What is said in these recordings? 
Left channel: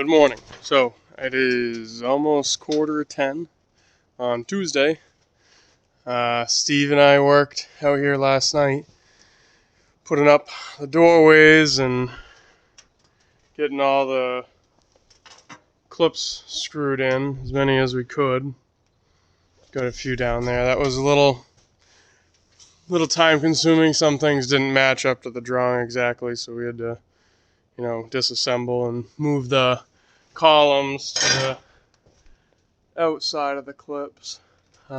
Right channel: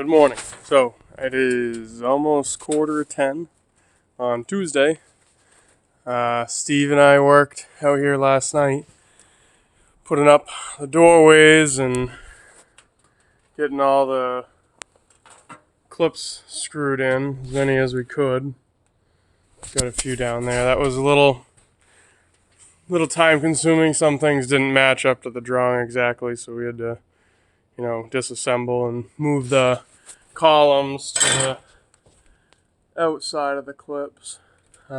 Good morning. So it is almost 9:45 on Tuesday. Steve and I worked out here last night, putting up the doorways and getting all the clips screwed in, as many as we could. Got a few down there. That was a little time consuming. Some things didn't match up to the drawing exactly, so we had to, disassemble and move the columns to the outside of the clips. We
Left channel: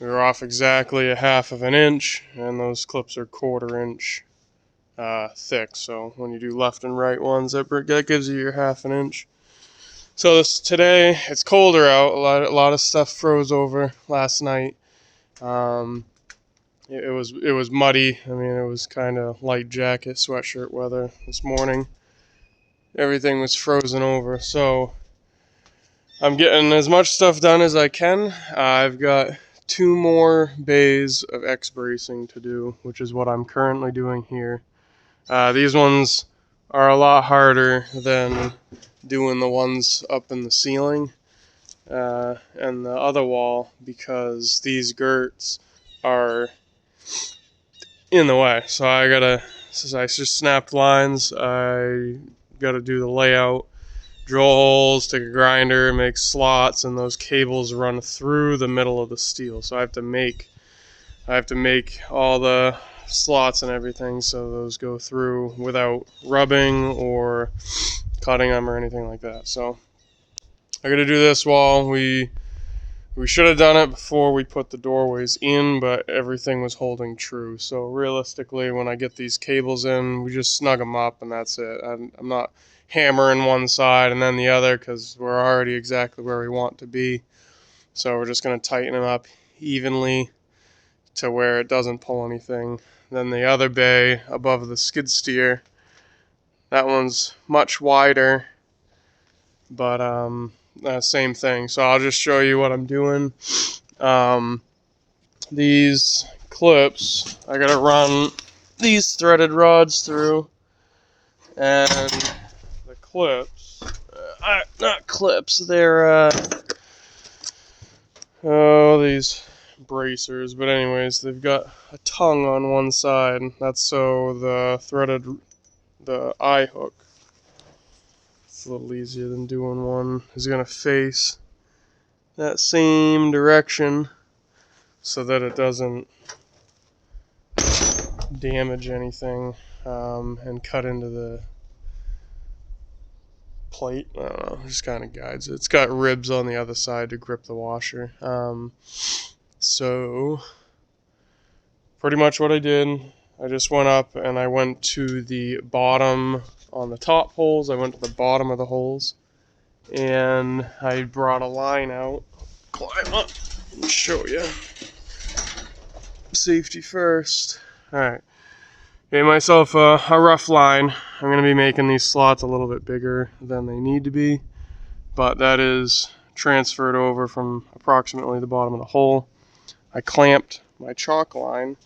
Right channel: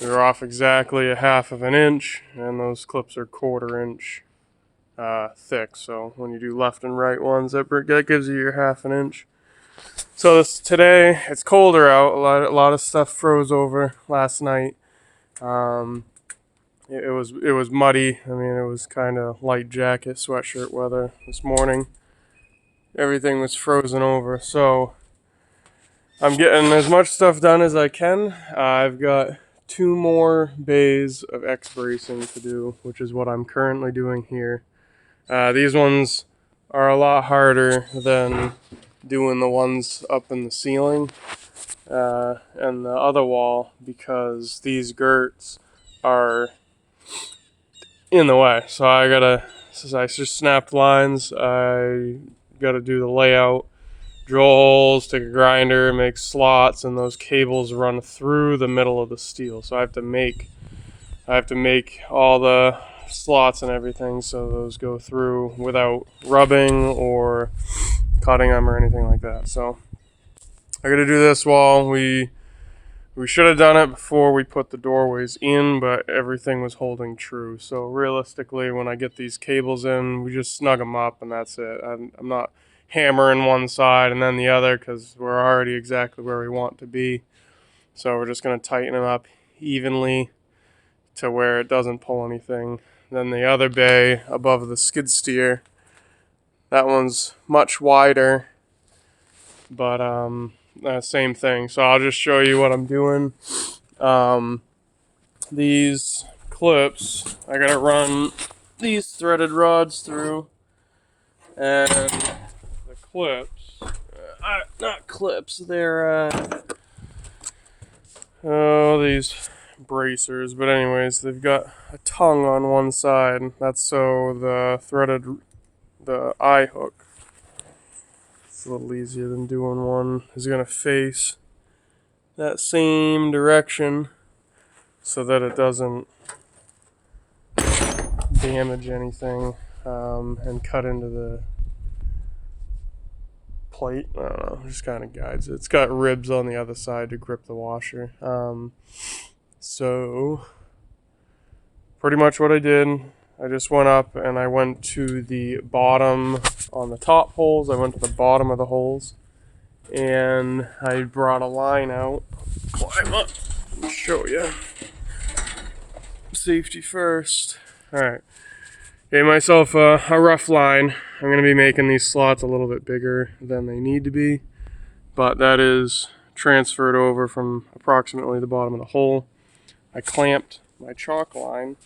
were off exactly a half of an inch, and those clips are 1/4 inch thick. So when you do left and right ones, that gives you your half an inch. So today it's colder out. A lot of stuff froze over last night. It was muddy. I mean, it was kind of light jacket, sweatshirt weather this morning. Everything was frozen over. So I'm getting as much stuff done as I can. I've got 2 more bays of X bracing to do, which is what I'm currently doing here. These ones are a lot harder than doing the ones up in the ceiling and the other wall, because these gerts are in the way. So I just snapped lines. I gotta do the layout, drill holes, take a grinder, make slots, and those cables run through the middle of the steel. So I have to make all the slots and everything so those go through without rubbing or cutting them or anything like that. So I got to do this wall. We should have done it before we put the doorways in, but everything was holding true. So realistically, when I get these cables in, we just snug them up and that's it. I'm not hammering one side and then the other, because we're already exactly where we want to be. So we're just going to tighten them up evenly to where it doesn't pull anything. Then the other bay above the skid steer, that one's much wider, but same thing. So I'll just show you what I'm doing. These clips, I gotta run these threaded rods through, and the clips, not clips, they're these bracers, but anyways, they've got a tongue on one side. That's so the eye hook, it's a little easier than doing one, is gonna face that same direction so that it doesn't damage anything and cut into the plate. I don't know, it just kind of guides it. It's got ribs on the other side to grip the washer. So pretty much what I did, I just went up and I went to the bottom on the top holes. I went to the bottom of the holes and I brought a line out. Climb up and show you. Safety first. Alright. Gave myself a rough line. I'm going to be making these slots a little bit bigger than they need to be, but that is transferred over from approximately the bottom of the hole. I clamped my chalk line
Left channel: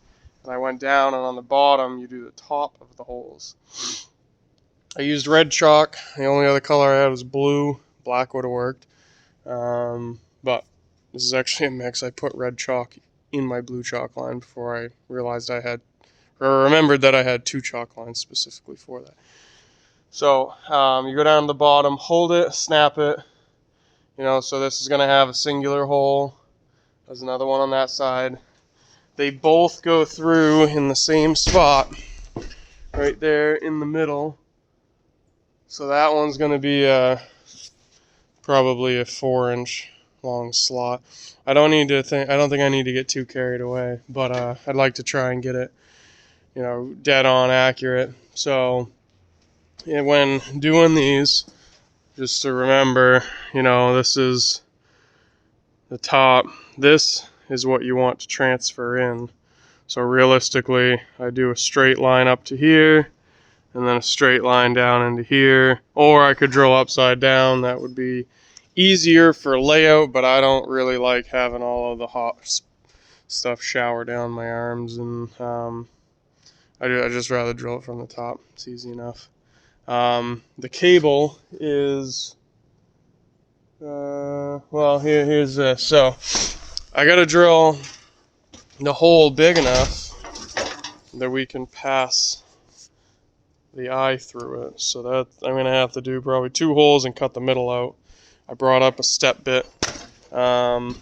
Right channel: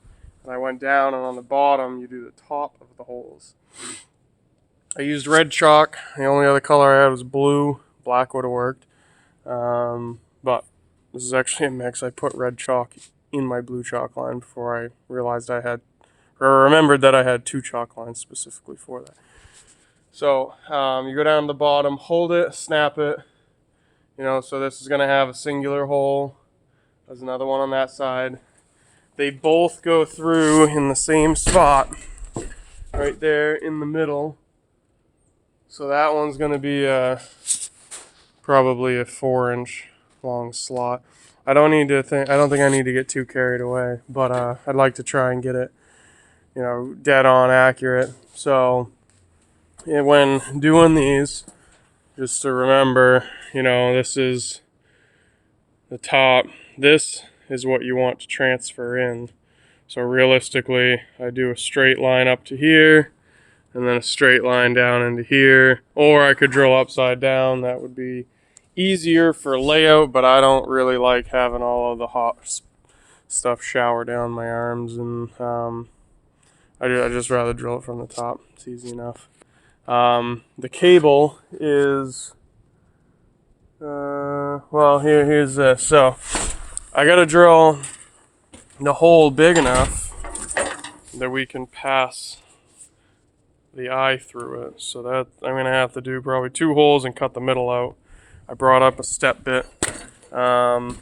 and I went down, and on the bottom you do the top of the holes. I used red chalk. The only other color I had was blue. Black would have worked, but this is actually a mix. I put red chalk in my blue chalk line before I remembered that I had 2 chalk lines specifically for that. So you go down to the bottom, hold it, snap it, so this is going to have a singular hole. There's another one on that side. They both go through in the same spot right there in the middle. So that one's going to be probably a 4-inch long slot. I don't think I need to get too carried away, but I'd like to try and get it, dead on accurate. So when doing these, just to remember, this is the top. This is what you want to transfer in. So realistically, I do a straight line up to here and then a straight line down into here, or I could drill upside down. That would be easier for layout, but I don't really like having all of the hot stuff shower down my arms, and I just rather drill it from the top. It's easy enough. The cable is, well, here's this. So I gotta drill the hole big enough that we can pass the eye through it. So that I'm gonna have to do probably 2 holes and cut the middle out. I brought up a step bit. So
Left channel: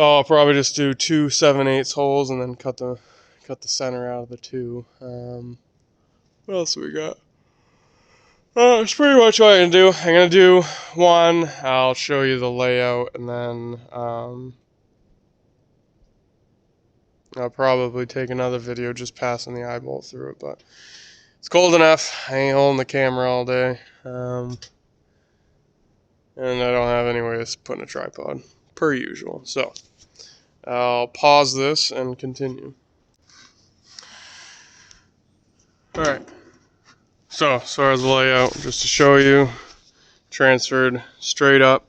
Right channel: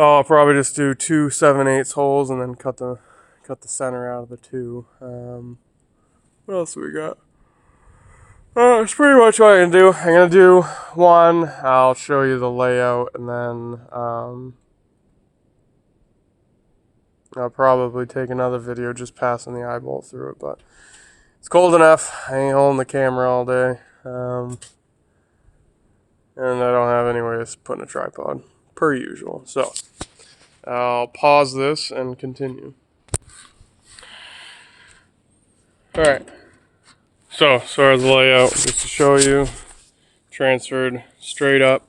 I'll probably just do 2 7/8 holes and then cut the center out of the 2. What else we got? That's pretty much what I'm gonna do. I'm gonna do 1. I'll show you the layout, and then I'll probably take another video just passing the eyeball through it. But it's cold enough. I ain't holding the camera all day, and I don't have anywhere to put in a tripod, per usual. So I'll pause this and continue. All right. So as far as the layout, just to show you, transferred straight up.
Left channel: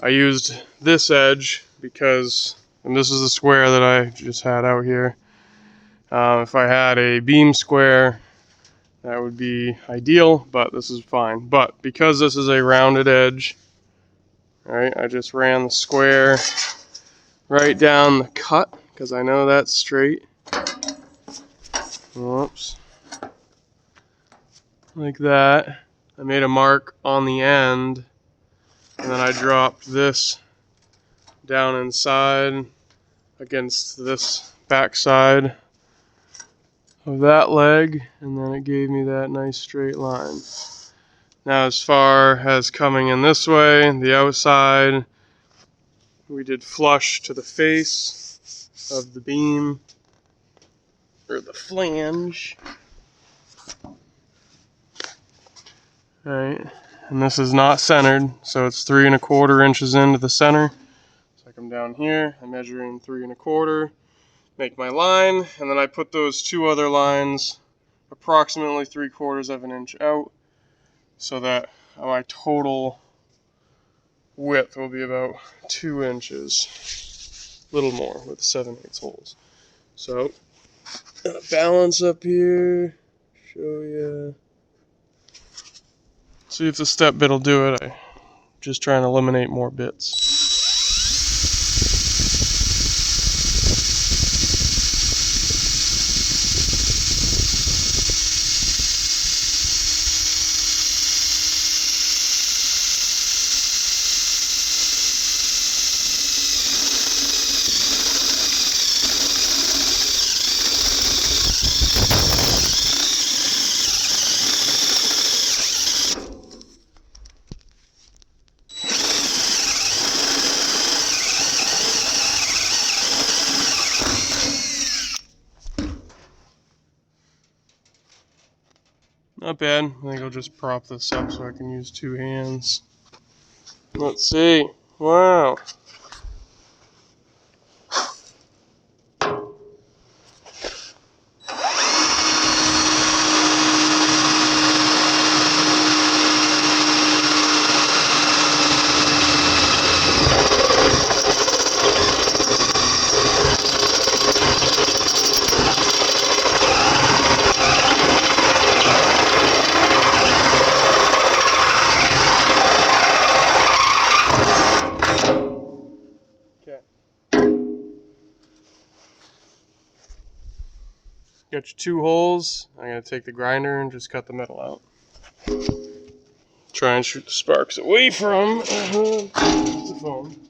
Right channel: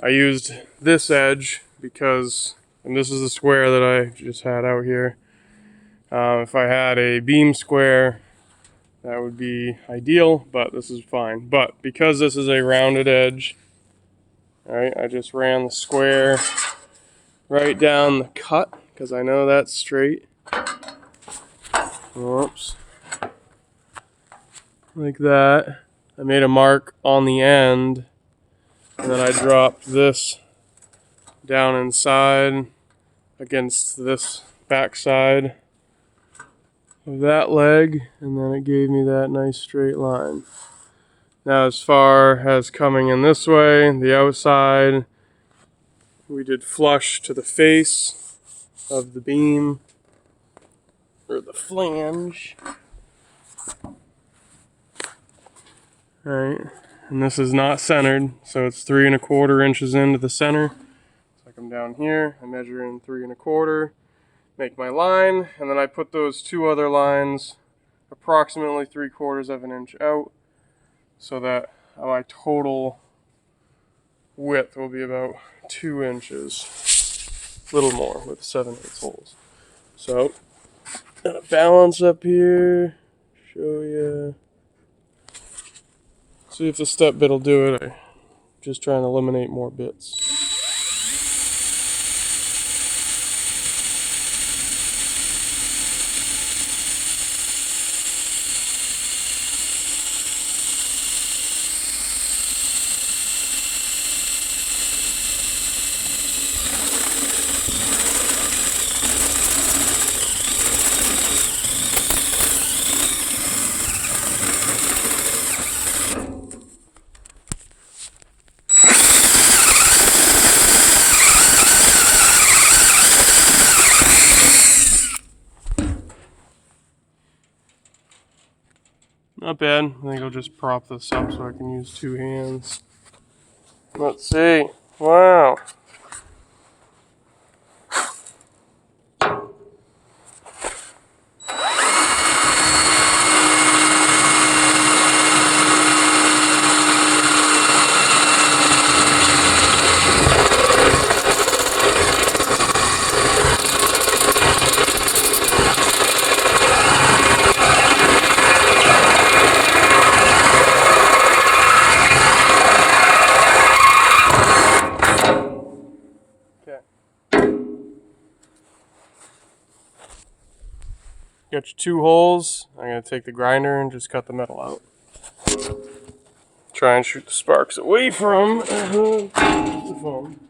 I used this edge because, and this is the square that I just had out here. If I had a beam square, that would be ideal, but this is fine. But because this is a rounded edge, all right, I just ran the square right down the cut because I know that's straight. Whoops. Like that. I made a mark on the end, and then I dropped this down inside against this back side of that leg, and then it gave me that nice straight line. Now as far as coming in this way, the outside, we did flush to the face of the beam, or the flange. Alright, and this is not centered, so it's 3 1/4 inches into the center. So I come down here, I measure in 3 1/4, make my line, and then I put those 2 other lines approximately 3/4 of an inch out, so that my total width will be about 2 inches, a little more with 7/8 holes. So, gonna balance up here, show you. See if the step bit will do it. I'm just trying to eliminate more bits. Not bad. I think I'll just prop this up so I can use 2 hands. Let's see. Wow. Got your 2 holes. I'm going to take the grinder and just cut the metal out. Try and shoot the sparks away from the foam.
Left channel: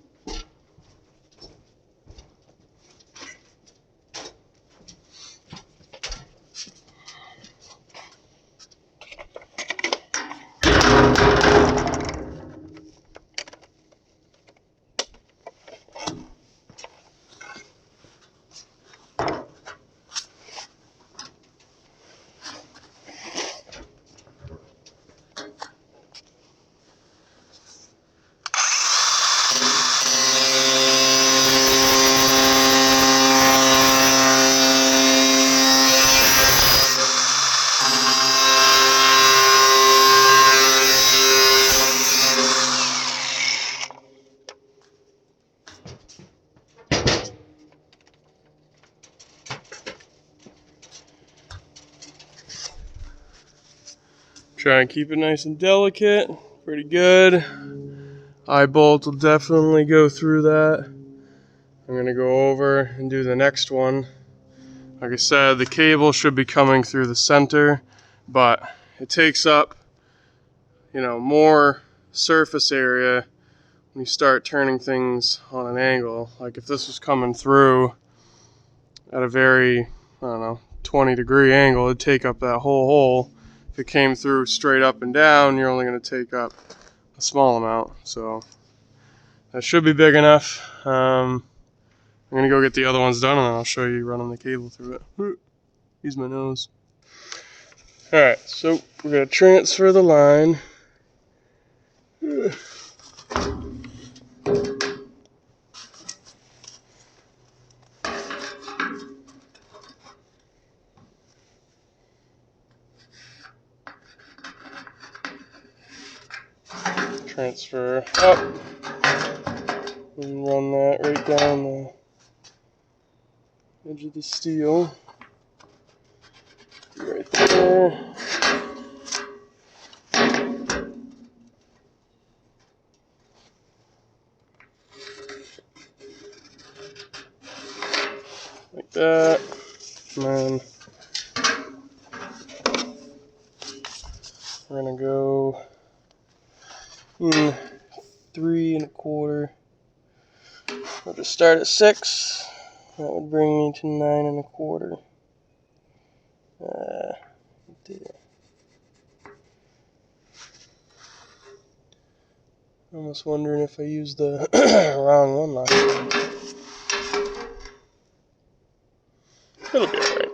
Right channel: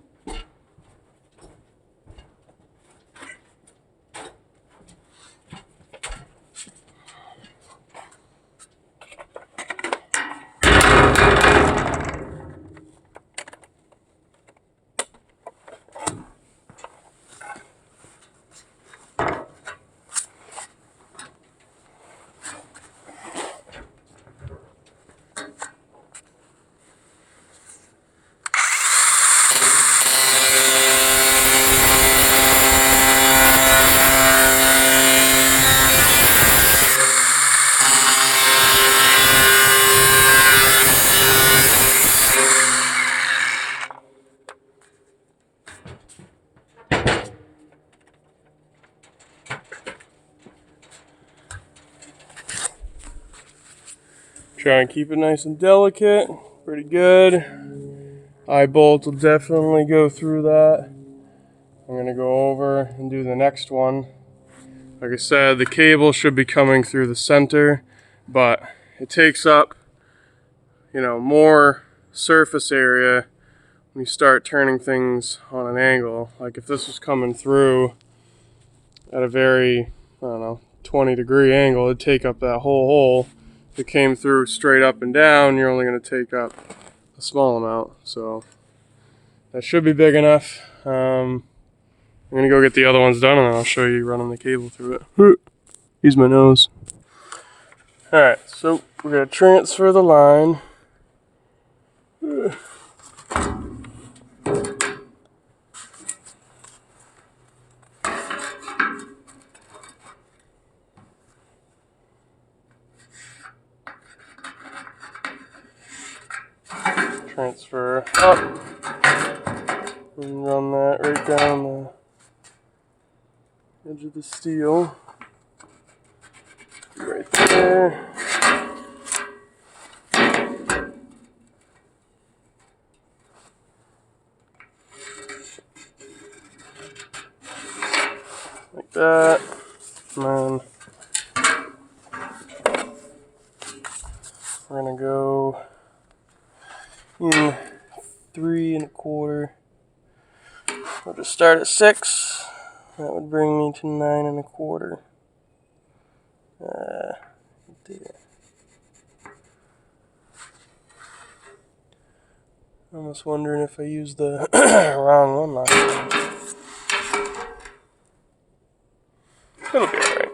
Trying to keep it nice and delicate. Pretty good. Eye bolt will definitely go through that. I'm going to go over and do the next one. Like I said, the cable should be coming through the center, but it takes up, more surface area when you start turning things on an angle. Like if this was coming through at a very, 20-degree angle, it'd take up that whole hole. If it came through straight up and down, you're only going to take up a small amount. So that should be big enough. I'm going to go get the other ones done, and then I'll show you running the cable through it. Use my nose. Alright, so we're going to transfer the line. Transfer up. And run that right down the edge of the steel. Right there. Like that. And then we're going to go 3 1/4. I'll just start at 6. That would bring me to 9 1/4. There. I'm almost wondering if I used the wrong one last time. It'll be alright.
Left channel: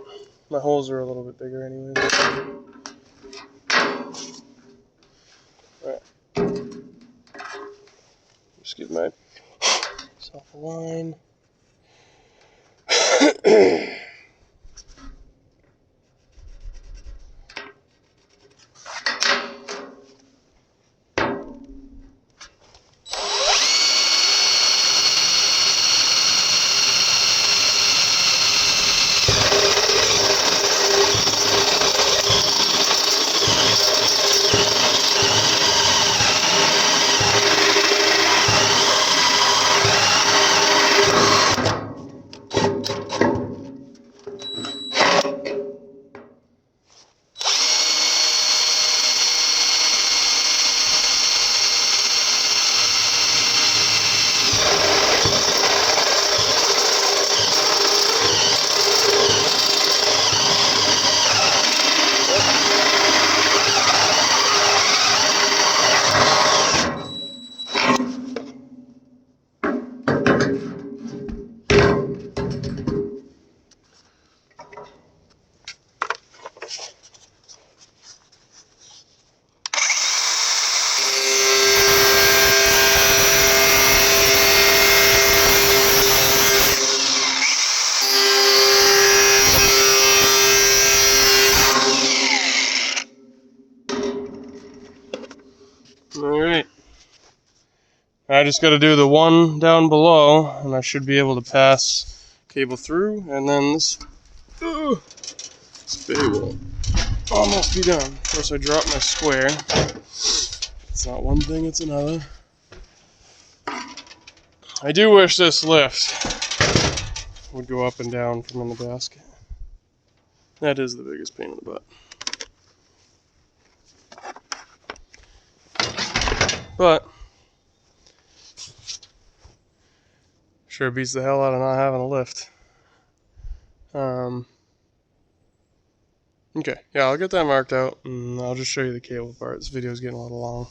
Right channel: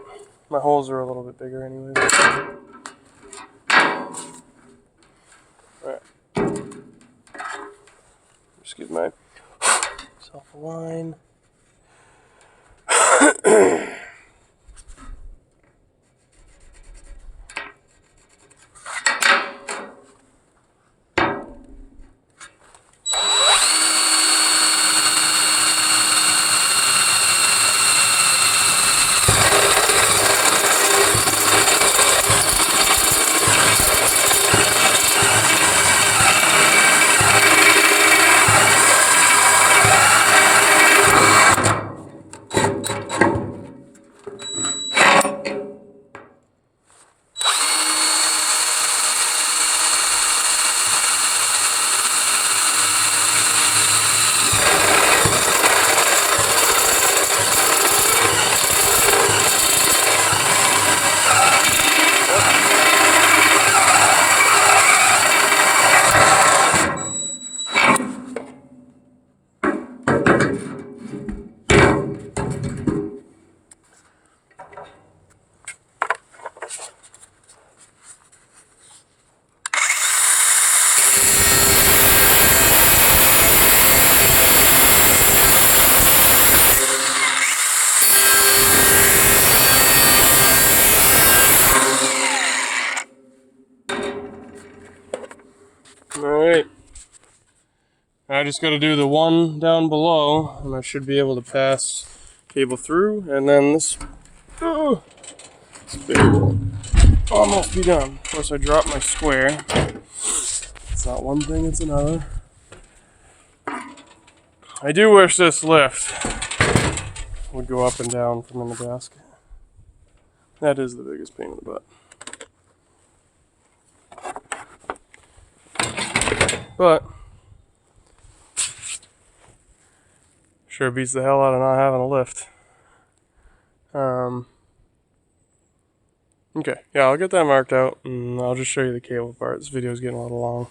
My holes are a little bit bigger anyway. Alright. Just give myself a line. Alright. I just got to do the one down below, and I should be able to pass cable through, and then this bit will almost be done. Of course, I dropped my square. It's not one thing, it's another. I do wish this lift would go up and down from in the basket. That is the biggest pain in the butt. But sure beats the hell out of not having a lift. Okay, yeah, I'll get that marked out, and I'll just show you the cable part. This video's getting a little long.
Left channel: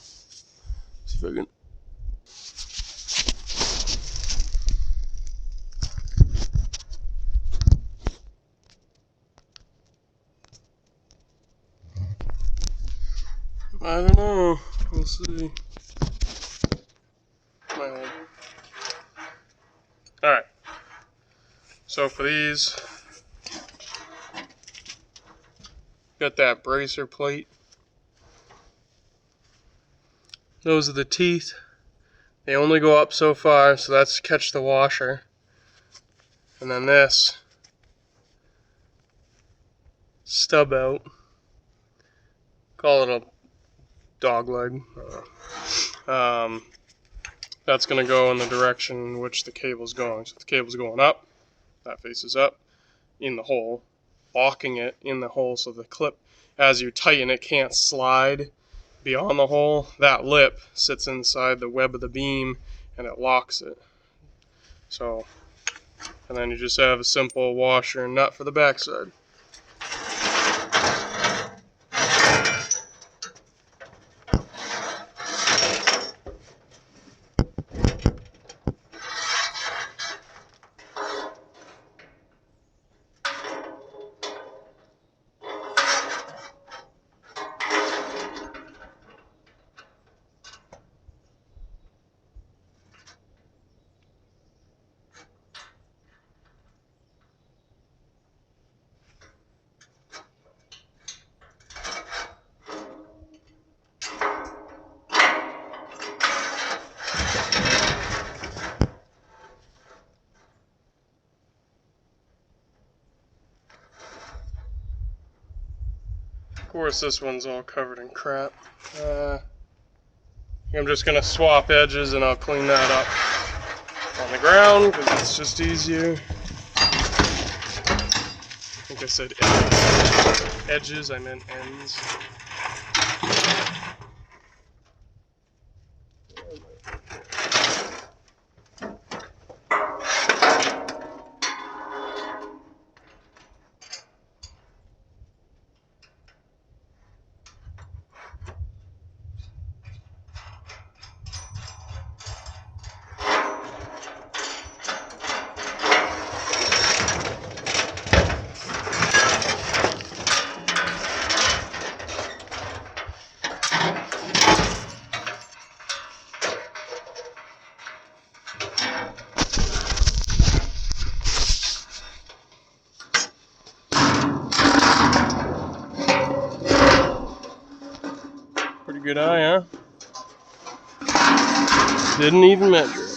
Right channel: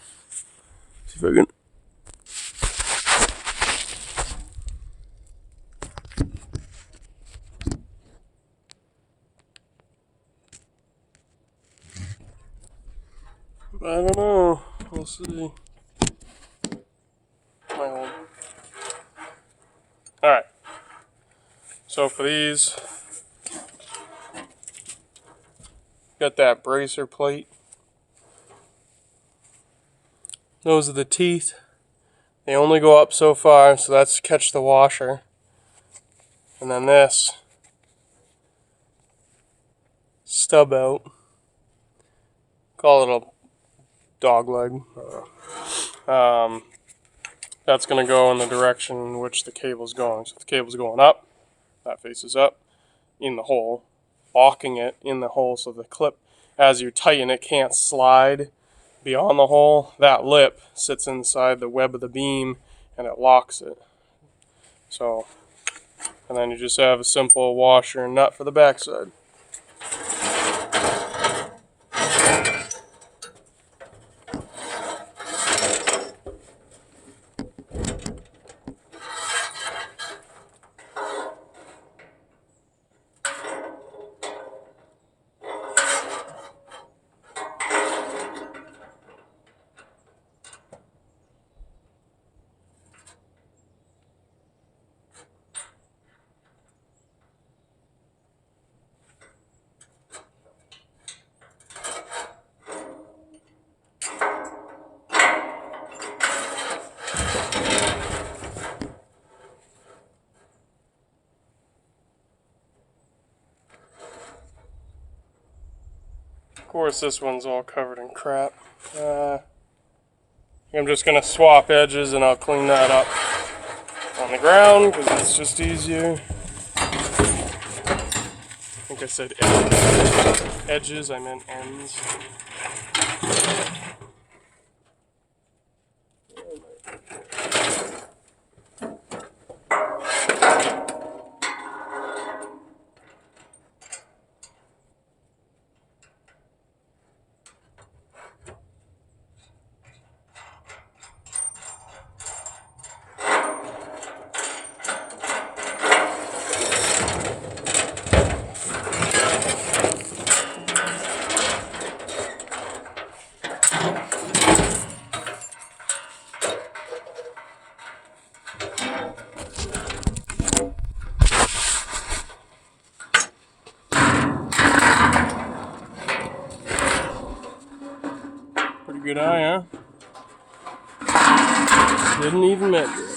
See if I can. I don't know. We'll see. Alright. So for these, got that bracer plate. Those are the teeth. They only go up so far, so that's to catch the washer. And then this stub out. Call it dog leg. That's going to go in the direction in which the cable's going. So if the cable's going up, that faces up in the hole, locking it in the hole so the clip, as you tighten it, can't slide beyond the hole. That lip sits inside the web of the beam and it locks it. So, and then you just have a simple washer and nut for the backside. Of course, this one's all covered in crap. I'm just going to swap edges and I'll clean that up on the ground because it's just easier. I think I said edges, I meant ends. Pretty good eye, huh? Didn't even measure it.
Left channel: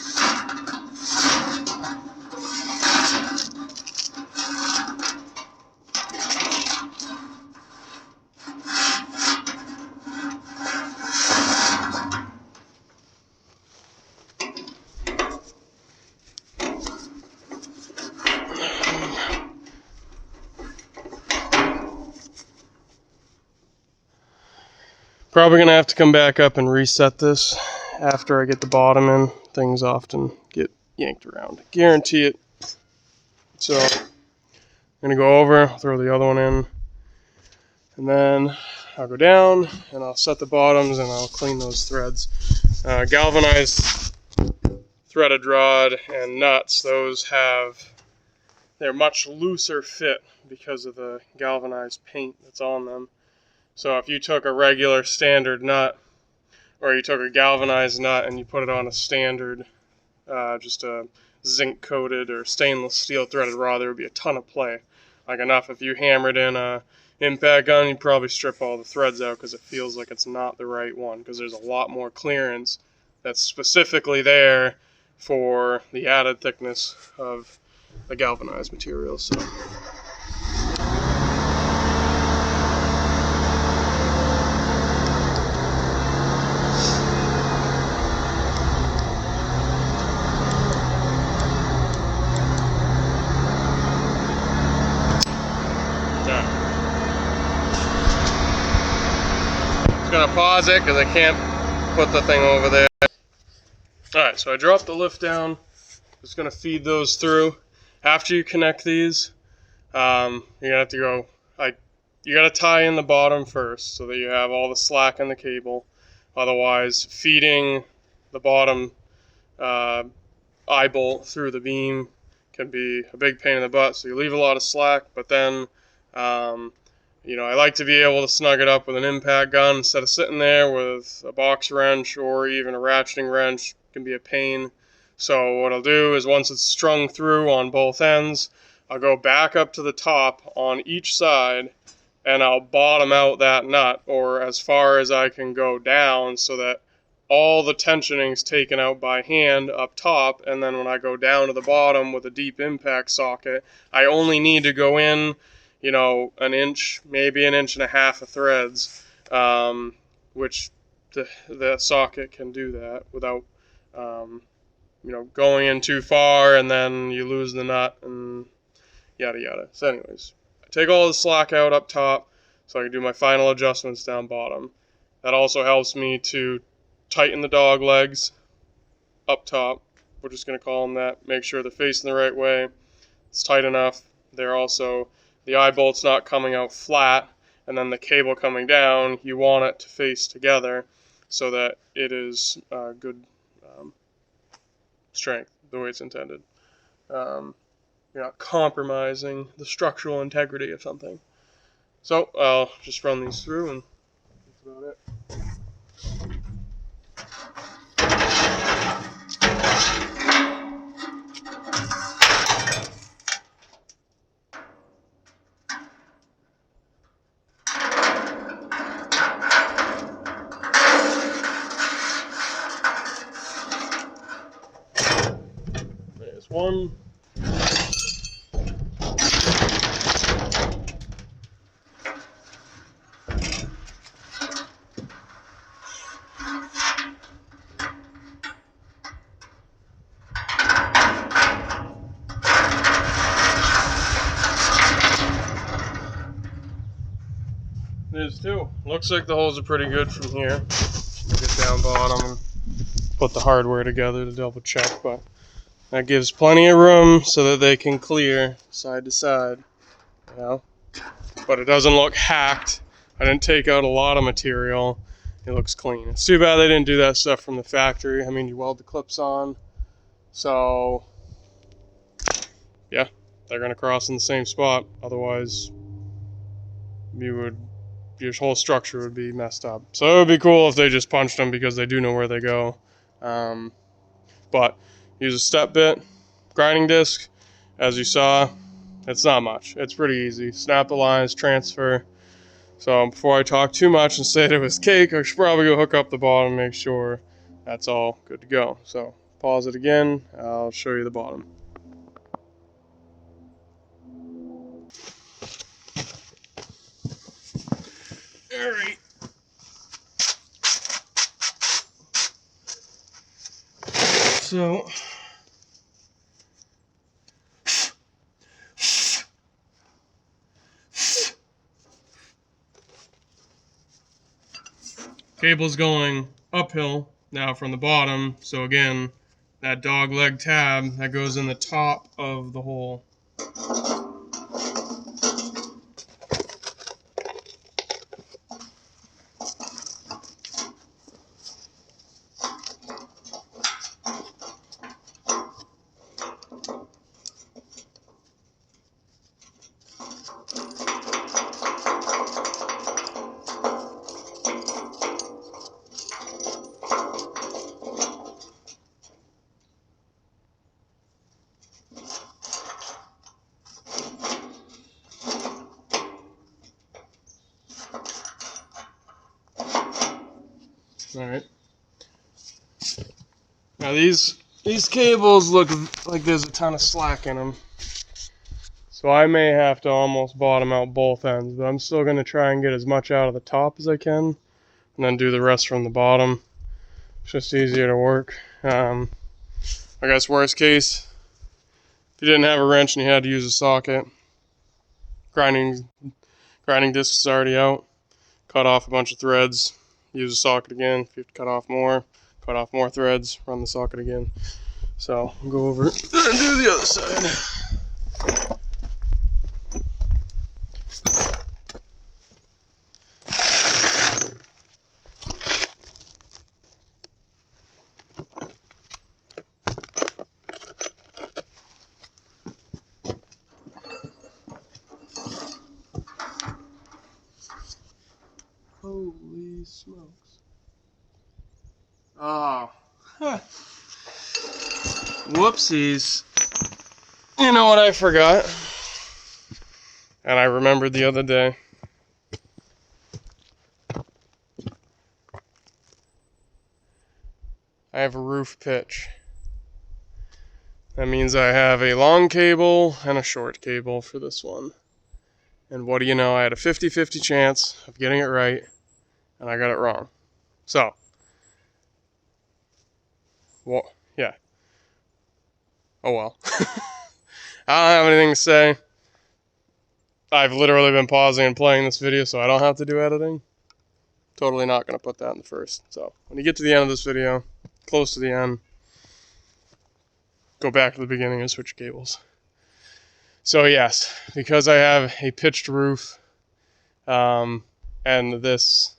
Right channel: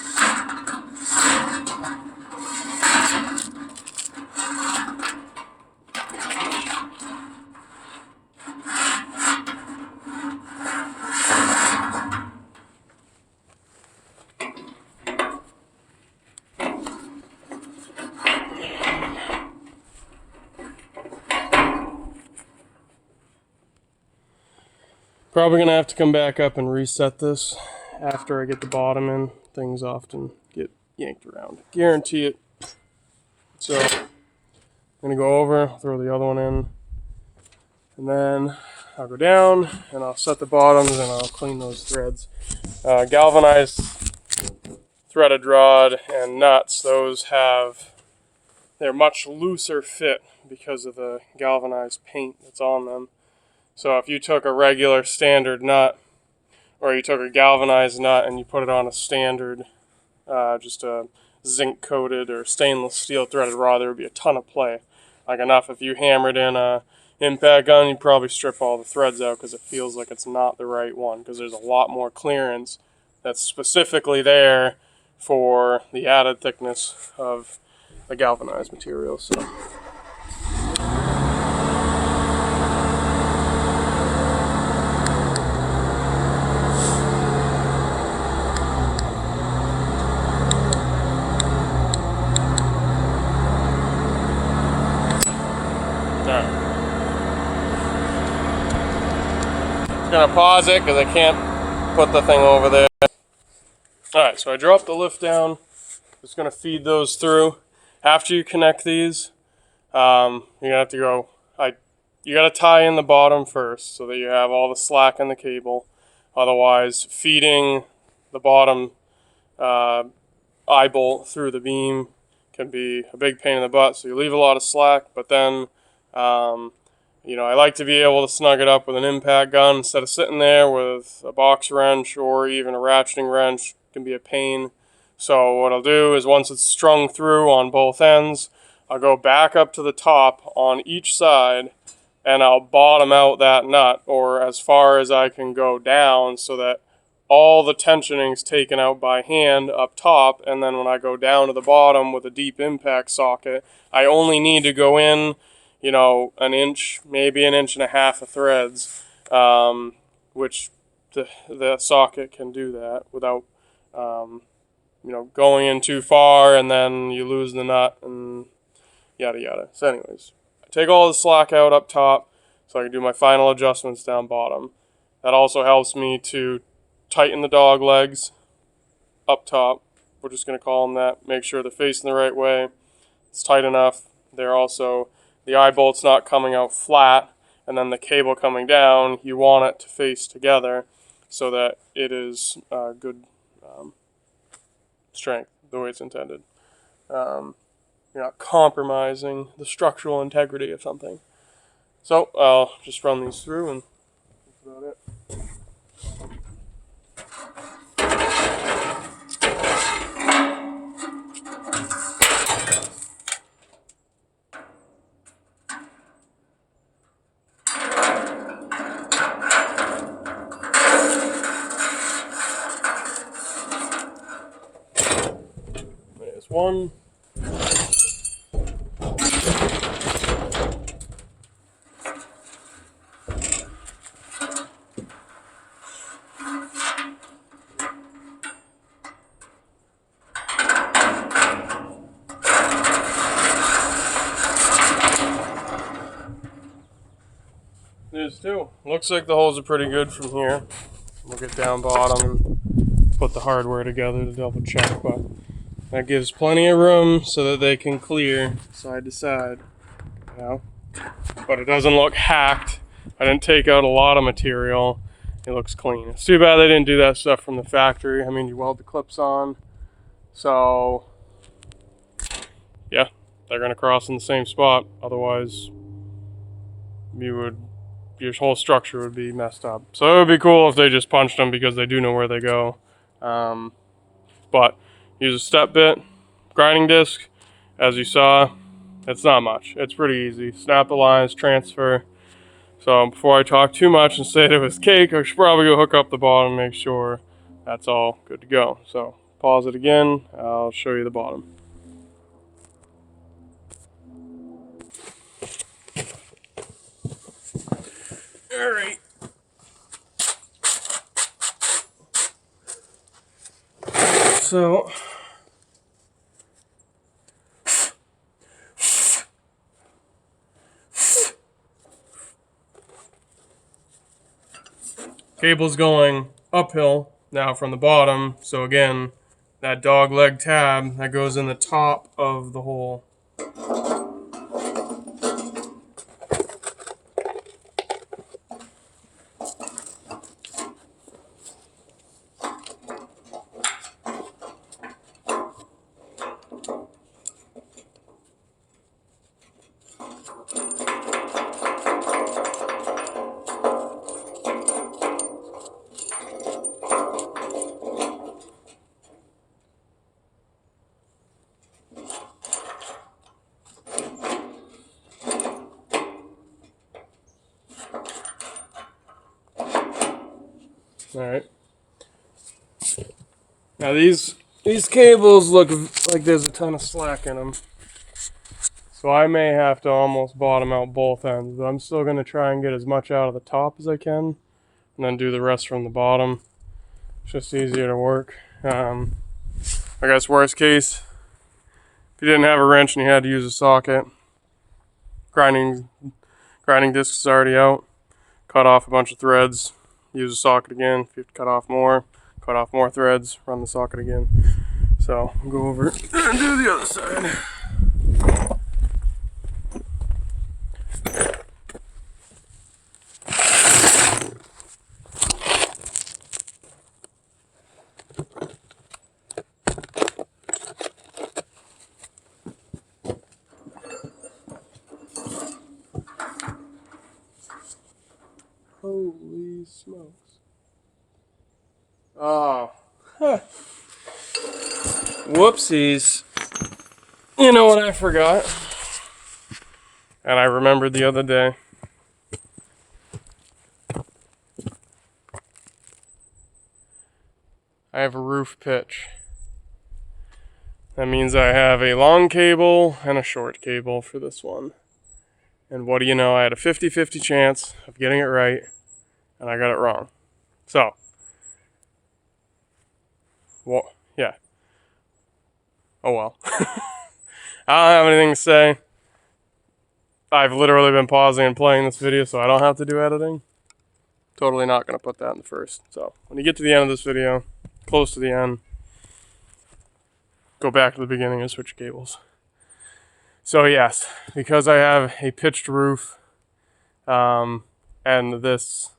Probably going to have to come back up and reset this after I get the bottom in. Things often get yanked around. Guarantee it. So I'm going to go over, throw the other one in, and then I'll go down and I'll set the bottoms and I'll clean those threads. Galvanized threaded rod and nuts, they're much looser fit because of the galvanized paint that's on them. So if you took a regular standard nut, or you took a galvanized nut and you put it on a standard, just a zinc coated or stainless steel threaded rod, there would be a ton of play. Like enough if you hammered in a impact gun, you'd probably strip all the threads out because it feels like it's not the right one, because there's a lot more clearance that's specifically there for the added thickness of the galvanized material. So. Gonna pause it because I can't put the thing over there. Alright, so I dropped the lift down. Just gonna feed those through. After you connect these, you're gonna have to go, you gotta tie in the bottom first so that you have all the slack in the cable. Otherwise, feeding the bottom eye bolt through the beam can be a big pain in the butt. So you leave a lot of slack, but then I like to be able to snug it up with an impact gun instead of sitting there with a box wrench or even a ratcheting wrench. It can be a pain. So what I'll do is once it's strung through on both ends, I'll go back up to the top on each side and I'll bottom out that nut, or as far as I can go down, so that all the tensioning's taken out by hand up top, and then when I go down to the bottom with a deep impact socket, I only need to go in an inch, maybe an inch and a half of threads, which the socket can do that without going in too far, and then you lose the nut and yada yada. So anyways, I take all the slack out up top so I can do my final adjustments down bottom. That also helps me to tighten the dog legs up top. We're just going to call them that. Make sure they're facing the right way. It's tight enough. The eye bolt's not coming out flat, and then the cable coming down, you want it to face together so that it is good strength, the way it's intended. You're not compromising the structural integrity of something. So I'll just run these through, and that's about it. There's one. There's two. Looks like the holes are pretty good from here. We'll get down bottom and put the hardware together to double check, but that gives plenty of room so that they can clear side to side, But it doesn't look hacked. I didn't take out a lot of material. It looks clean. It's too bad they didn't do that stuff from the factory. I mean, you weld the clips on, so yeah, they're gonna cross in the same spot. Otherwise, your whole structure would be messed up. So it would be cool if they just punched them because they do know where they go. But use a step bit, grinding disc, as you saw. It's not much. It's pretty easy. Snap the lines, transfer. So before I talk too much and say it was cake, I should probably go hook up the bottom and make sure that's all good to go. So pause it again. I'll show you the bottom. All right. So cable's going uphill now from the bottom. So again, that dog leg tab that goes in the top of the hole. All right. Now these cables look like there's a ton of slack in them, so I may have to almost bottom out both ends. But I'm still going to try and get as much out of the top as I can, and then do the rest from the bottom. It's just easier to work. I guess worst case, if you didn't have a wrench and you had to use a socket, grinding disc is already out. Cut off a bunch of threads. Use a socket again. If you have to cut off more threads, run the socket again. So I'll go over and do the other side. Holy smokes. Oh. Huh. Whoopsies. You know what I forgot? And I remembered the other day. I have a roof pitch. That means I have a long cable and a short cable for this one. And what do you know? I had a 50-50 chance of getting it right, and I got it wrong. So, well, yeah. Oh well. I don't have anything to say. I've literally been pausing and playing this video so I don't have to do editing. Totally not going to put that in the first. So, when you get to the end of this video, close to the end, go back to the beginning and switch cables. So yes, because I have a pitched roof, and this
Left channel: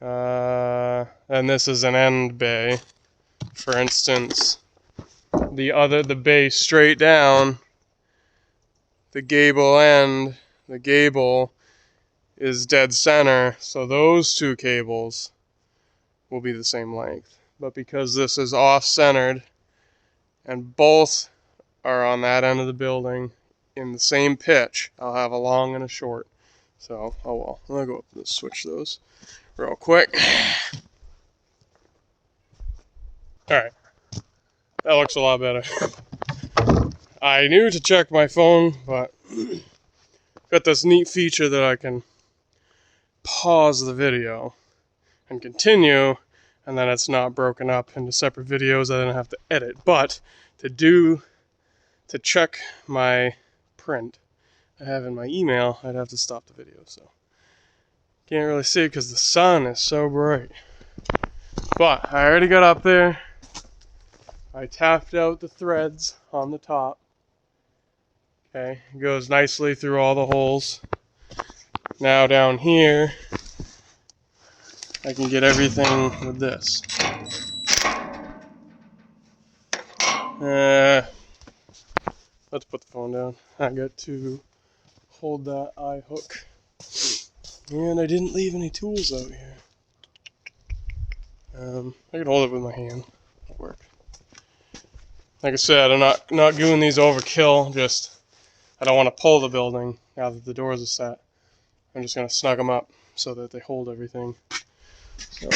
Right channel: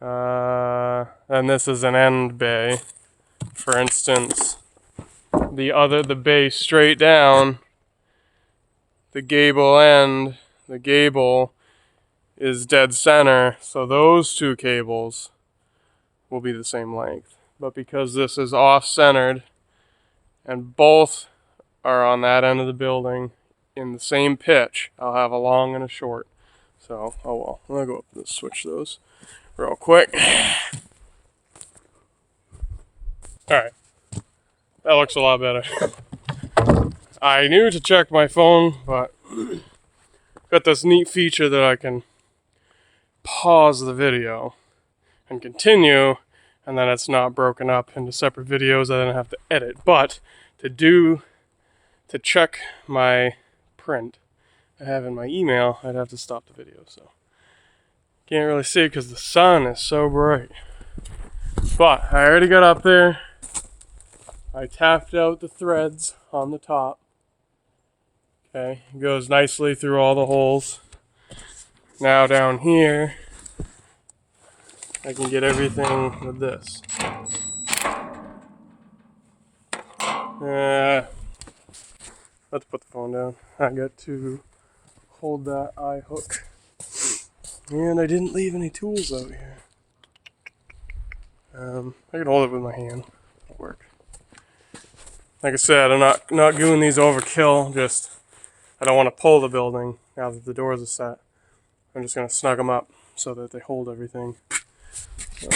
is an end bay. For instance, the bay straight down, the gable end, the gable is dead center, so those two cables will be the same length. But because this is off-centered and both are on that end of the building in the same pitch, I'll have a long and a short. So, oh well, I'm gonna go up and switch those real quick. Alright, that looks a lot better. I knew to check my phone, but got this neat feature that I can pause the video and continue, and then it's not broken up into separate videos I don't have to edit. But to check my print I have in my email, I'd have to stop the video, so can't really see because the sun is so bright. But I already got up there. I tapped out the threads on the top. Okay, it goes nicely through all the holes. Now down here, I can get everything with this. Let's put the phone down. I got to hold that eye hook. And I didn't leave any tools out here. I can hold it with my hand. That'll work. Like I said, I'm not doing these overkill. Just I don't want to pull the building now that the doors are set. I'm just gonna snug them up so that they hold everything. So.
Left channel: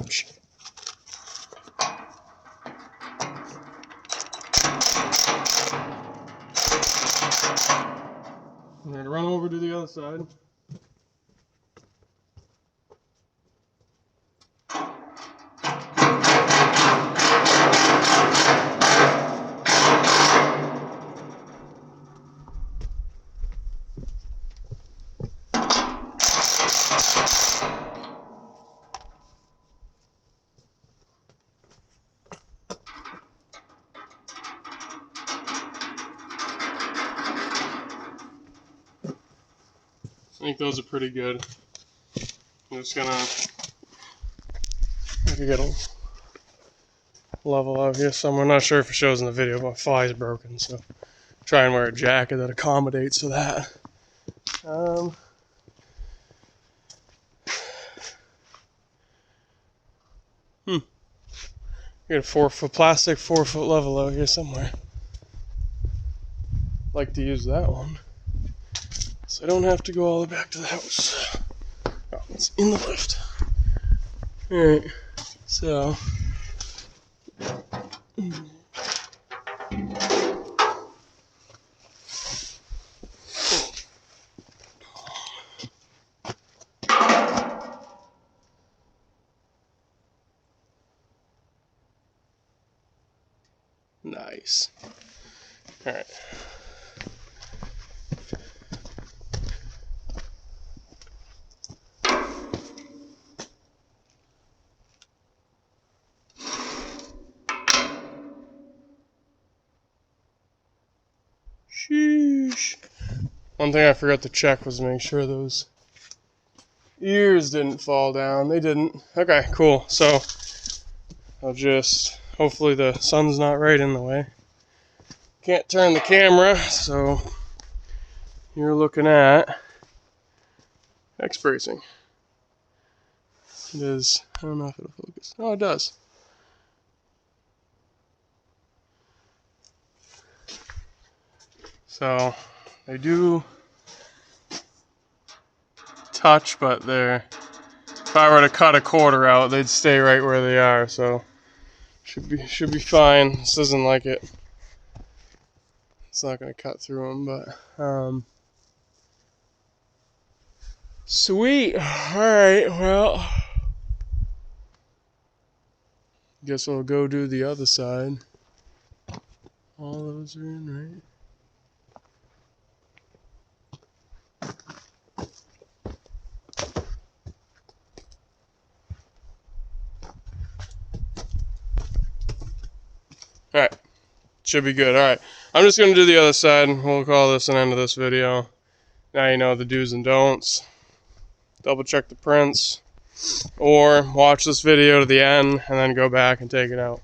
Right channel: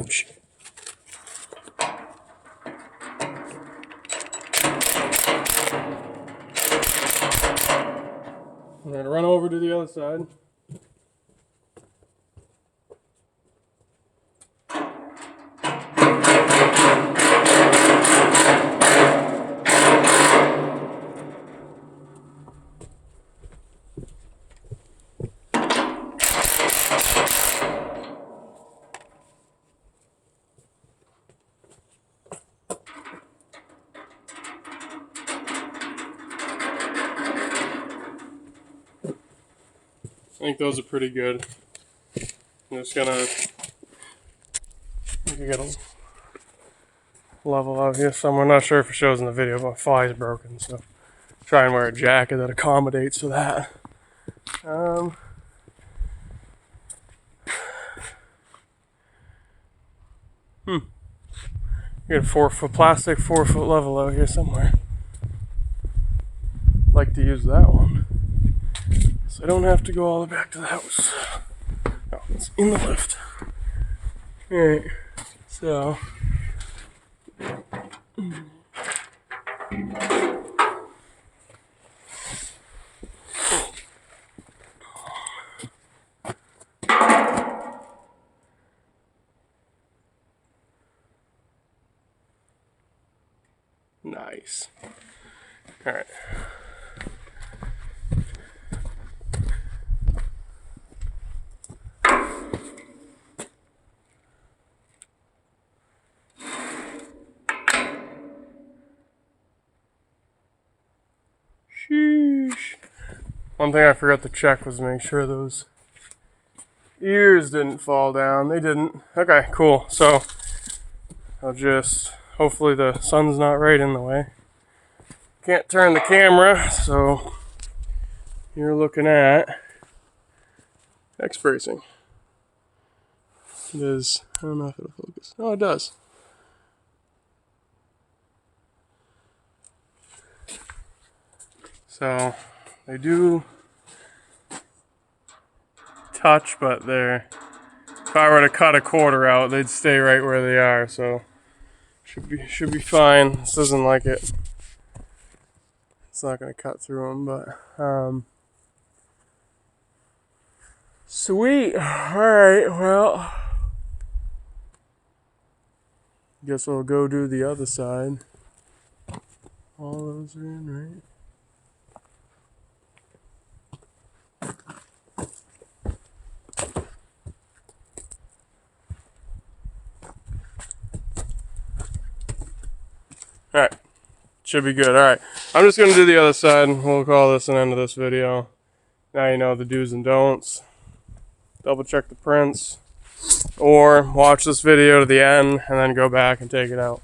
Ouch. I'm going to run over to the other side. I think those are pretty good. I'm just gonna get a level out here somewhere. Not sure if it shows in the video, but my fly is broken, so try and wear a jacket that accommodates to that. Get a 4-foot plastic 4-foot level out here somewhere. Like to use that one, so I don't have to go all the way back to the house. Oh, it's in the lift. Alright, so nice. Alright. Sheesh. One thing I forgot to check was make sure those ears didn't fall down. They didn't. Okay, cool. So I'll just, hopefully the sun's not right in the way. Can't turn the camera, so you're looking at X bracing. It is, I don't know if it'll focus. Oh, it does. So they do touch, but they're if I were to cut a quarter out, they'd stay right where they are. So should be fine. This isn't like it. It's not gonna cut through them, but sweet. All right. Well, guess I'll go do the other side. All those are in, right? All right. Should be good. All right. I'm just going to do the other side. We'll call this an end of this video. Now you know the do's and don'ts. Double check the prints. Or watch this video to the end and then go back and take it out.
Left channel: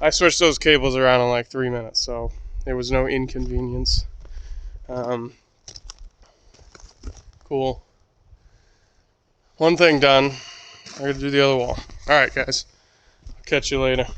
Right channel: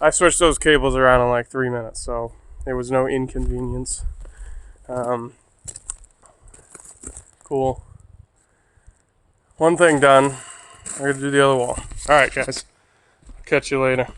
I switched those cables around in like 3 minutes, so there was no inconvenience. Cool. One thing done. I'm going to do the other wall. All right, guys. I'll catch you later.